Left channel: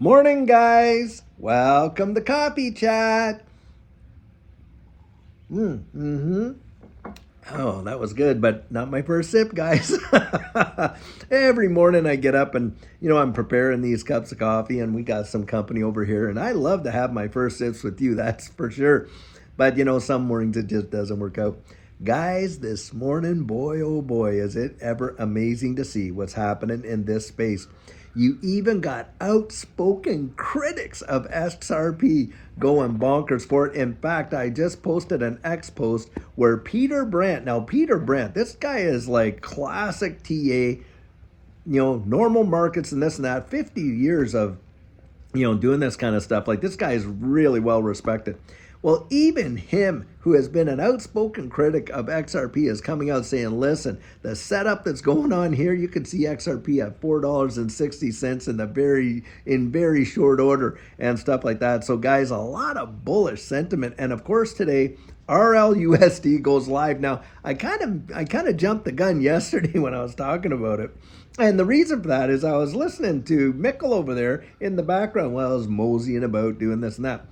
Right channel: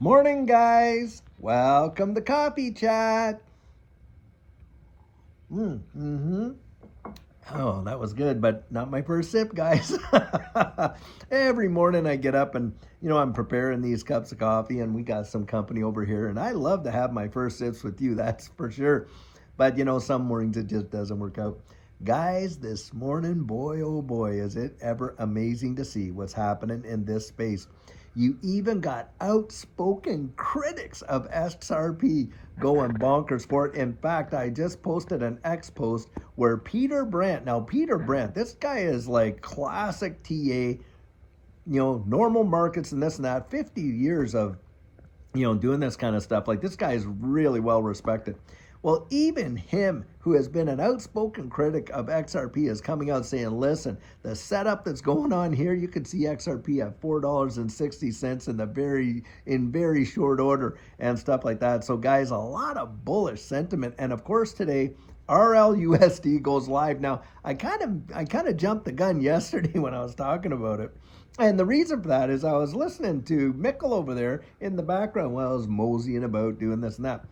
Morning, guys. Welcome to Coffee Chat. Mm-hmm. Oh, that was good, but not my first sip, guys. Every morning I get up and, I'm preparing these cups of coffee, and we got some company over here, and I love to have my first sips with you, that's for sure. But, some mornings it just doesn't work out. Guys, this morning, boy, oh boy, is it ever amazing to see what's happening in this space. You even got outspoken critics of XRP going bonkers for it. In fact, I just posted an X post where Peter Brandt, now Peter Brandt, this guy is like classic TA, normal markets and this and that, 50 years of doing this kind of stuff. Like, this guy is really well respected. Well, even him, who has been an outspoken critic of XRP, is coming out saying, listen, the setup that's going on here, you can see XRP at $4.60 in very short order and stuff like that. So guys, a lot of bullish sentiment. And of course today, RLUSD goes live. Now, I kind of jumped the gun yesterday when I was talking about it. And the reason for that is I was listening to Mickle over there in the background while I was moseying about doing this and that.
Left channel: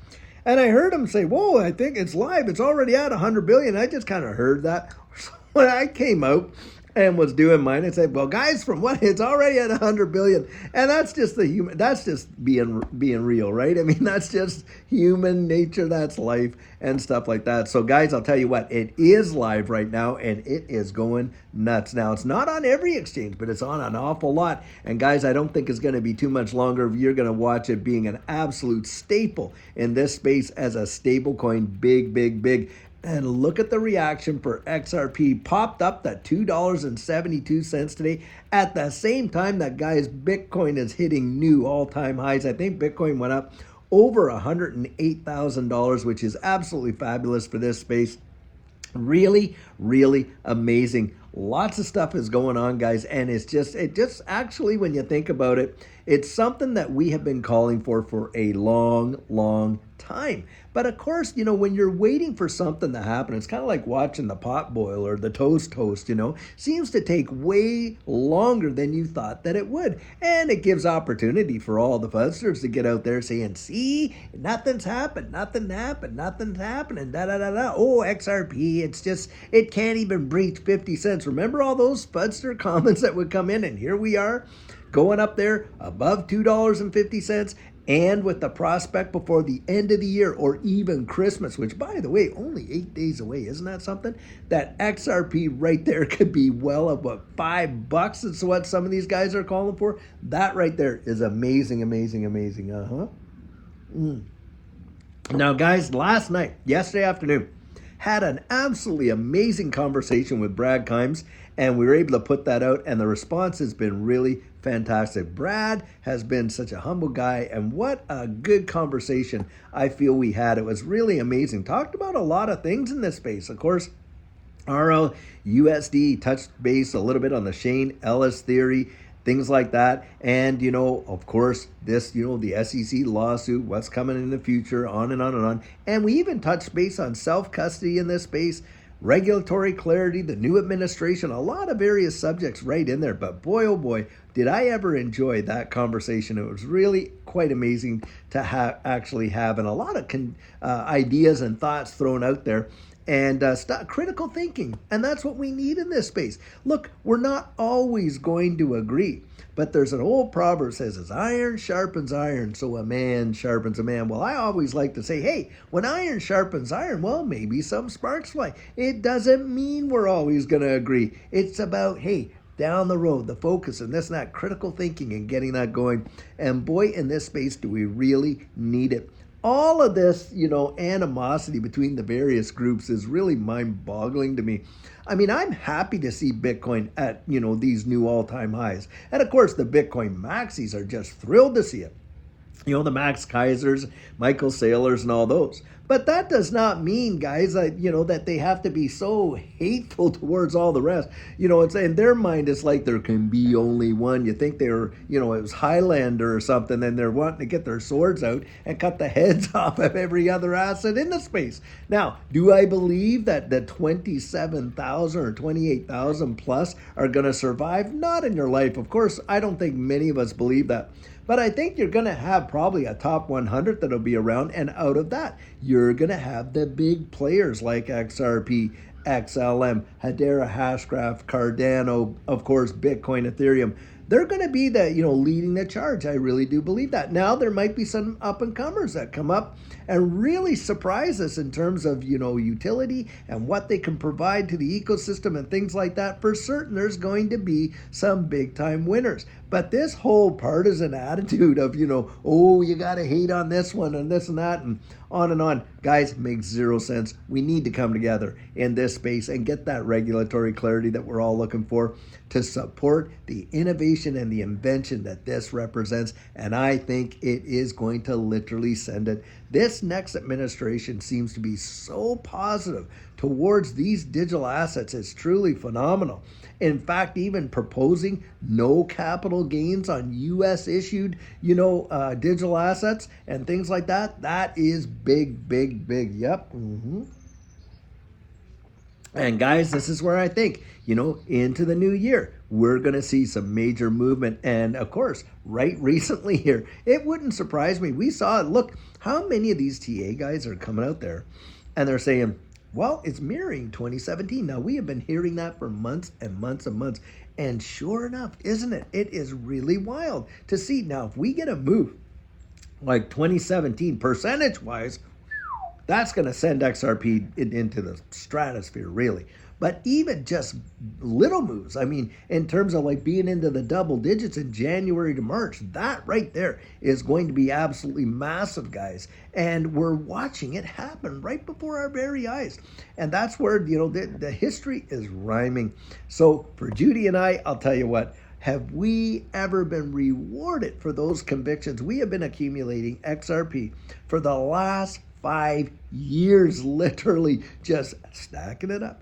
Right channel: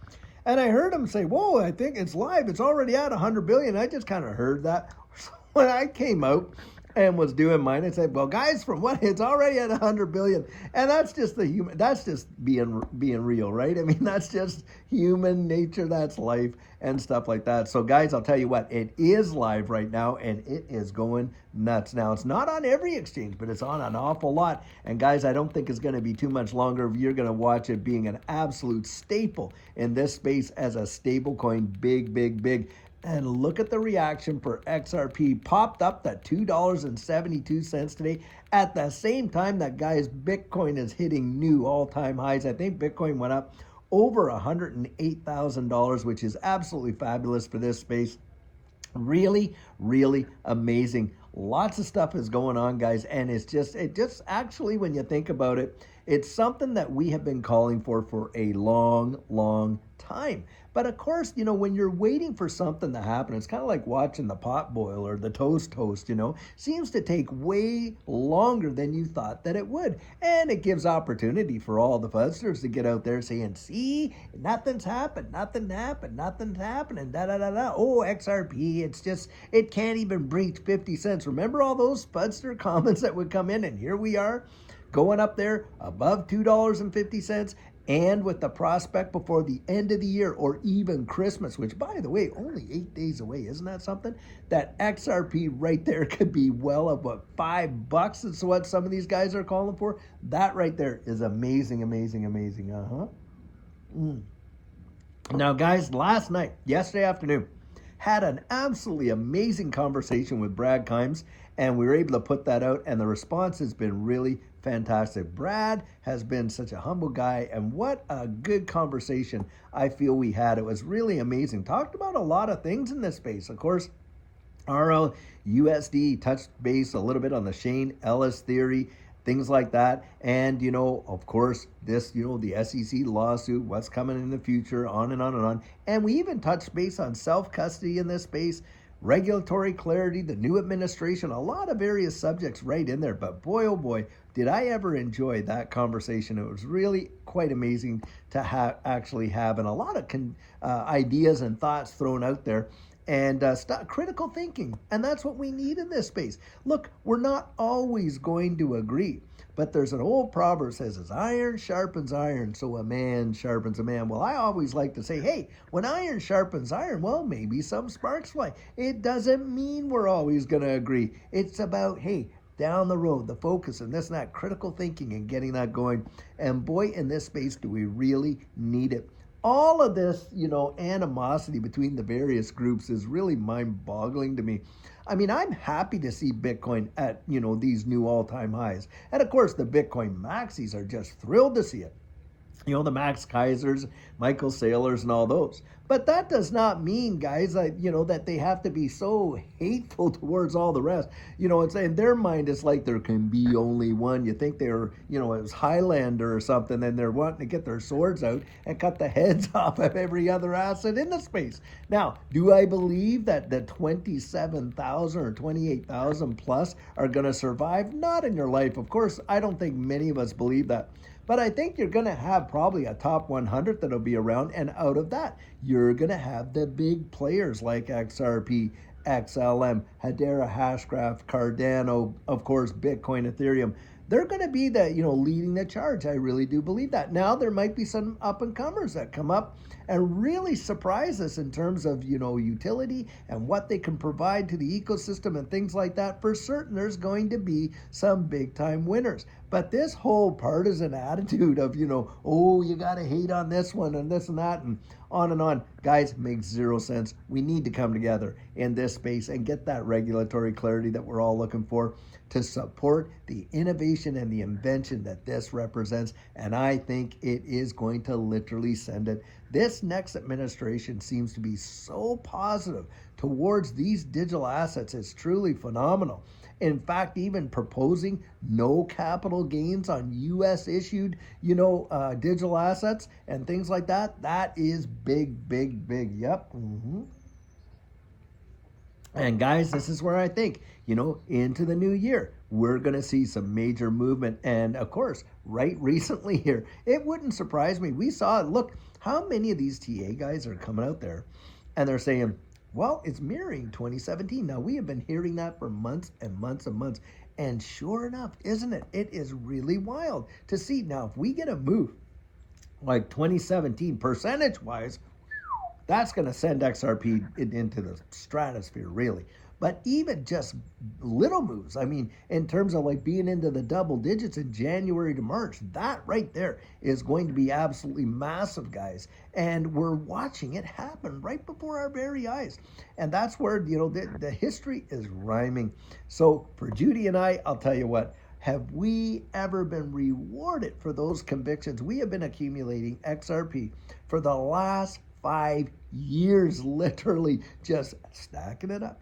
And I heard him say, whoa, I think it's live. It's already at 100 billion. I just kind of heard that. So when I came out and was doing mine, I said, well, guys, from what, it's already at 100 billion. And that's just that's just being real, right? I mean, that's just human nature. That's life and stuff like that. So guys, I'll tell you what, it is live right now and it is going nuts. Now, it's not on every exchange, but it's on an awful lot. And guys, I don't think it's going to be too much longer. You're going to watch it being an absolute staple in this space as a stable coin. Big, big, big. And look at the reaction for XRP. Popped up to $2.72 today. At the same time that, guys, Bitcoin is hitting new all-time highs. I think Bitcoin went up over $108,000, which is absolutely fabulous for this space. Really, really amazing. Lots of stuff is going on, guys, and it just actually, when you think about it, it's something that we have been calling for a long, long time. But of course, when you're waiting for something to happen, it's kind of like watching the pot boil or the toast, seems to take way longer than you thought that it would. And it gives opportunity for all the fuzzers to get out there saying, see, nothing's happened, nothing's happening, da da da da. Oh, XRP, it can't even breach 50 cents. Remember all those fudster comments that would come in, and here we are going up there above $2.50, and with the prospect before the end of the year or even Christmas, which, by the way, only 8 days away. Isn't that something? That XRP right there could be well above $5. It's what some of these guys are calling for. That right there is amazing, amazing, amazing. Now, guys, yesterday afternoon, had an absolutely amazing conversation with Brad Kimes, and we were able to put that out, and the response has been really fantastic. Brad has been such a humble guy, and what a good conversation I feel we had. It was really amazing. Talked about a lot of things in this space. Of course, RLUSD touched base a little bit on the Shane Ellis theory, things like that. And, of course, this, the SEC lawsuit, what's coming in the future, on and on and on. And we even touched base on self-custody in this space, regulatory clarity, the new administration, a lot of various subjects right in there. But boy, oh boy, did I ever enjoy that conversation. It was really quite amazing to actually have, and a lot of ideas and thoughts thrown out there. And critical thinking. And that's what we need in this space. Look, we're not always going to agree. But there's an old proverb that says, as iron sharpens iron, so a man sharpens a man. Well, I always like to say, hey, when iron sharpens iron, well, maybe some sparks fly. It doesn't mean we're always going to agree. It's about, hey, down the road, the focus and this and that, critical thinking and getting that going. And boy, in this space, do we really need it. All of this, animosity between the various groups is really mind-boggling to me. I mean, I'm happy to see Bitcoin at, these new all-time highs. And of course, the Bitcoin maxis are just thrilled to see it. The Max Kaisers, Michael Saylors, and all those. But that does not mean, guys, that they have to be so hateful towards all the rest. It's in their mind, it's like there can be only one. You think they're, it was Highlander or something, and they're wanting to get their swords out and cut the heads off of every other asset in the space. Now, do I believe that the 27,000 or 28,000 plus are going to survive? Not in your life. Of course, I don't think many of us believe that. But I think you're going to have probably a top 100 that'll be around. And out of that, you're going to have the big players like XRP, XLM, Hedera, Hashgraph, Cardano, of course, Bitcoin, Ethereum. They're going to be the, leading the charge. I really do believe that. Now there might be some up and comers that come up and really surprise us in terms of, utility and what they can provide to the ecosystem and things like that. For certain, there's going to be some big time winners. But this whole partisan attitude of, oh, you got to hate on this one and this and that and on, guys, makes zero sense. We need to come together in this space and get that regulatory clarity that we're all looking for to support the innovation and the invention that this represents. And I think it is going to literally send it. This next administration seems to be so positive towards these digital assets. It's truly phenomenal. In fact, even proposing no capital gains on U.S. issued, digital assets and things like that. That is big, big, big. Yep. And guys, this is where I think, into the new year, we're going to see some major movement. And of course, right recently here, it wouldn't surprise me. We saw it. Look, how many of these TA guys are coming out there and they're saying, well, it's mirroring 2017. Now, we have been hearing that for months and months and months. And sure enough, isn't it? It is really wild to see. Now, if we get a move like 2017, percentage-wise, that's going to send XRP into the stratosphere, really. But even just little moves, I mean, in terms of like being into the double digits in January to March, that right there is going to be absolutely massive, guys. And we're watching it happen right before our very eyes. And that's where, the history is rhyming. So for Judy and I'll tell you what, have we ever been rewarded for those convictions? We have been accumulating XRP for the last 5 years, literally just stacking it up.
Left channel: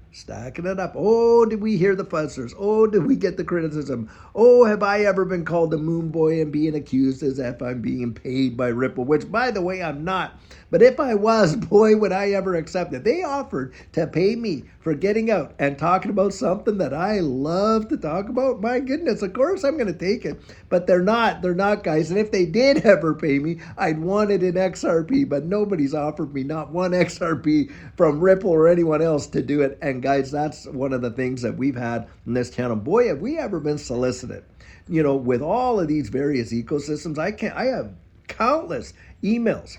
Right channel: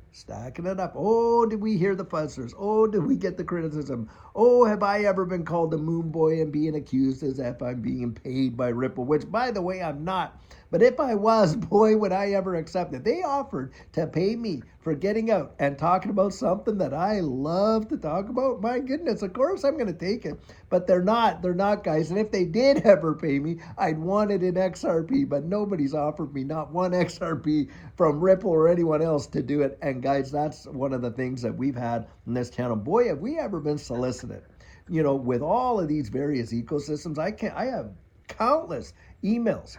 Oh, did we hear the fussers? Oh, did we get the criticism? Oh, have I ever been called a moon boy and being accused as if I'm being paid by Ripple, which, by the way, I'm not. But if I was, boy, would I ever accept it. They offered to pay me for getting out and talking about something that I love to talk about. My goodness, of course I'm going to take it. But they're not, guys. And if they did ever pay me, I'd want it in XRP. But nobody's offered me not one XRP from Ripple or anyone else to do it. And guys, that's one of the things that we've had in this channel. Boy, have we ever been solicited, with all of these various ecosystems. I have countless emails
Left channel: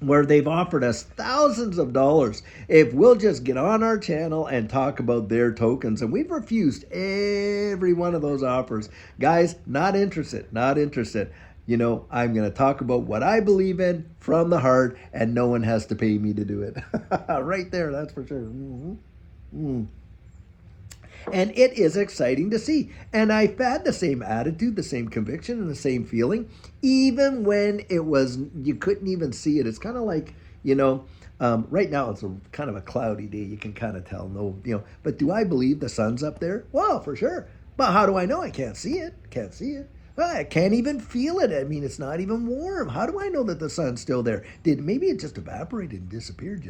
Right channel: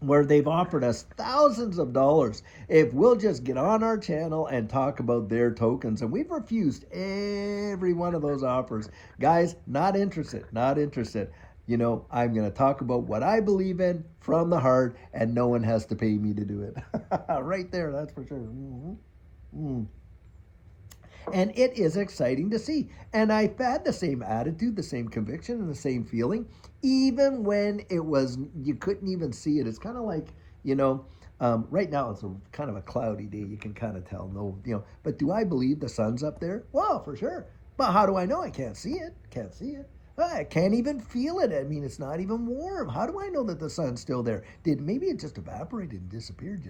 where they've offered us thousands of dollars if we'll just get on our channel and talk about their tokens. And we've refused every one of those offers. Guys, not interested. I'm going to talk about what I believe in from the heart, and no one has to pay me to do it. Right there, that's for sure. And it is exciting to see. And I've had the same attitude, the same conviction, and the same feeling, even when you couldn't even see it. It's kind of like, right now it's kind of a cloudy day. You can kind of tell, but do I believe the sun's up there? Well, for sure. But how do I know? I can't see it. I can't even feel it. I mean, it's not even warm. How do I know that the sun's still there? Maybe it just evaporated and disappeared,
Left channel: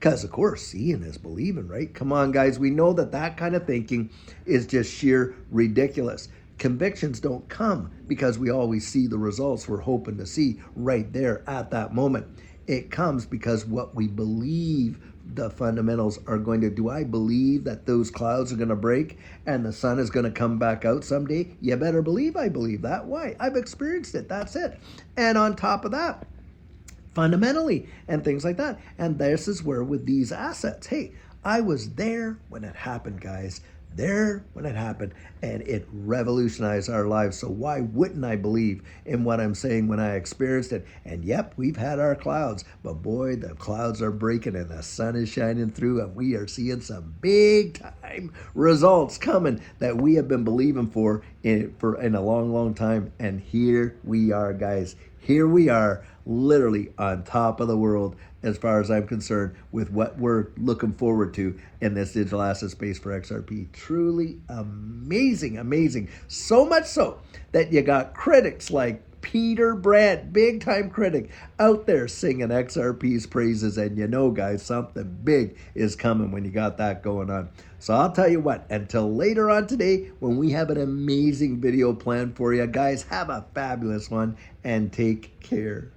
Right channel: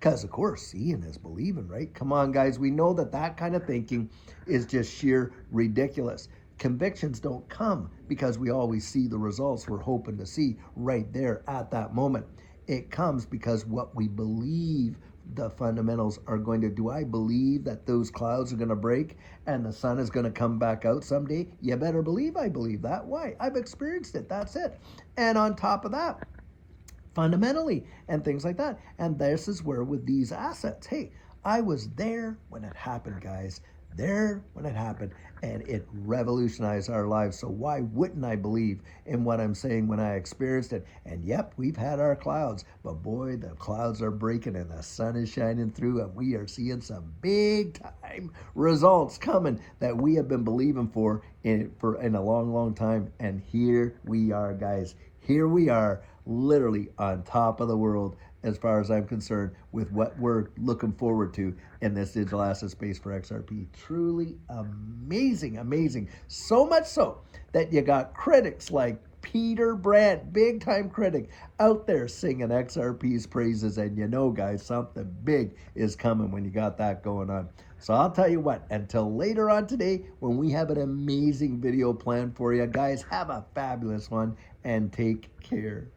Because, of course, seeing is believing, right? Come on, guys. We know that kind of thinking is just sheer ridiculous. Convictions don't come because we always see the results we're hoping to see right there at that moment. It comes because what we believe the fundamentals are going to do. I believe that those clouds are going to break and the sun is going to come back out someday. You better believe I believe that. Why? I've experienced it. That's it. And on top of that, fundamentally and things like that. And this is where with these assets, hey, I was there when it happened, guys. And it revolutionized our lives. So why wouldn't I believe in what I'm saying when I experienced it? And yep, we've had our clouds, but boy, the clouds are breaking and the sun is shining through, and we are seeing some big time results coming that we have been believing for in a long, long time. And here we are, guys. Here we are, literally on top of the world as far as I'm concerned with what we're looking forward to in this digital asset space for XRP. Truly amazing. So much so that you got critics like Peter Brandt, big time critic, out there singing XRP's praises. And you know, guys, something big is coming when you got that going on. So I'll tell you what, until later on today, when we have an amazing video planned for you, guys, have a fabulous one and take care.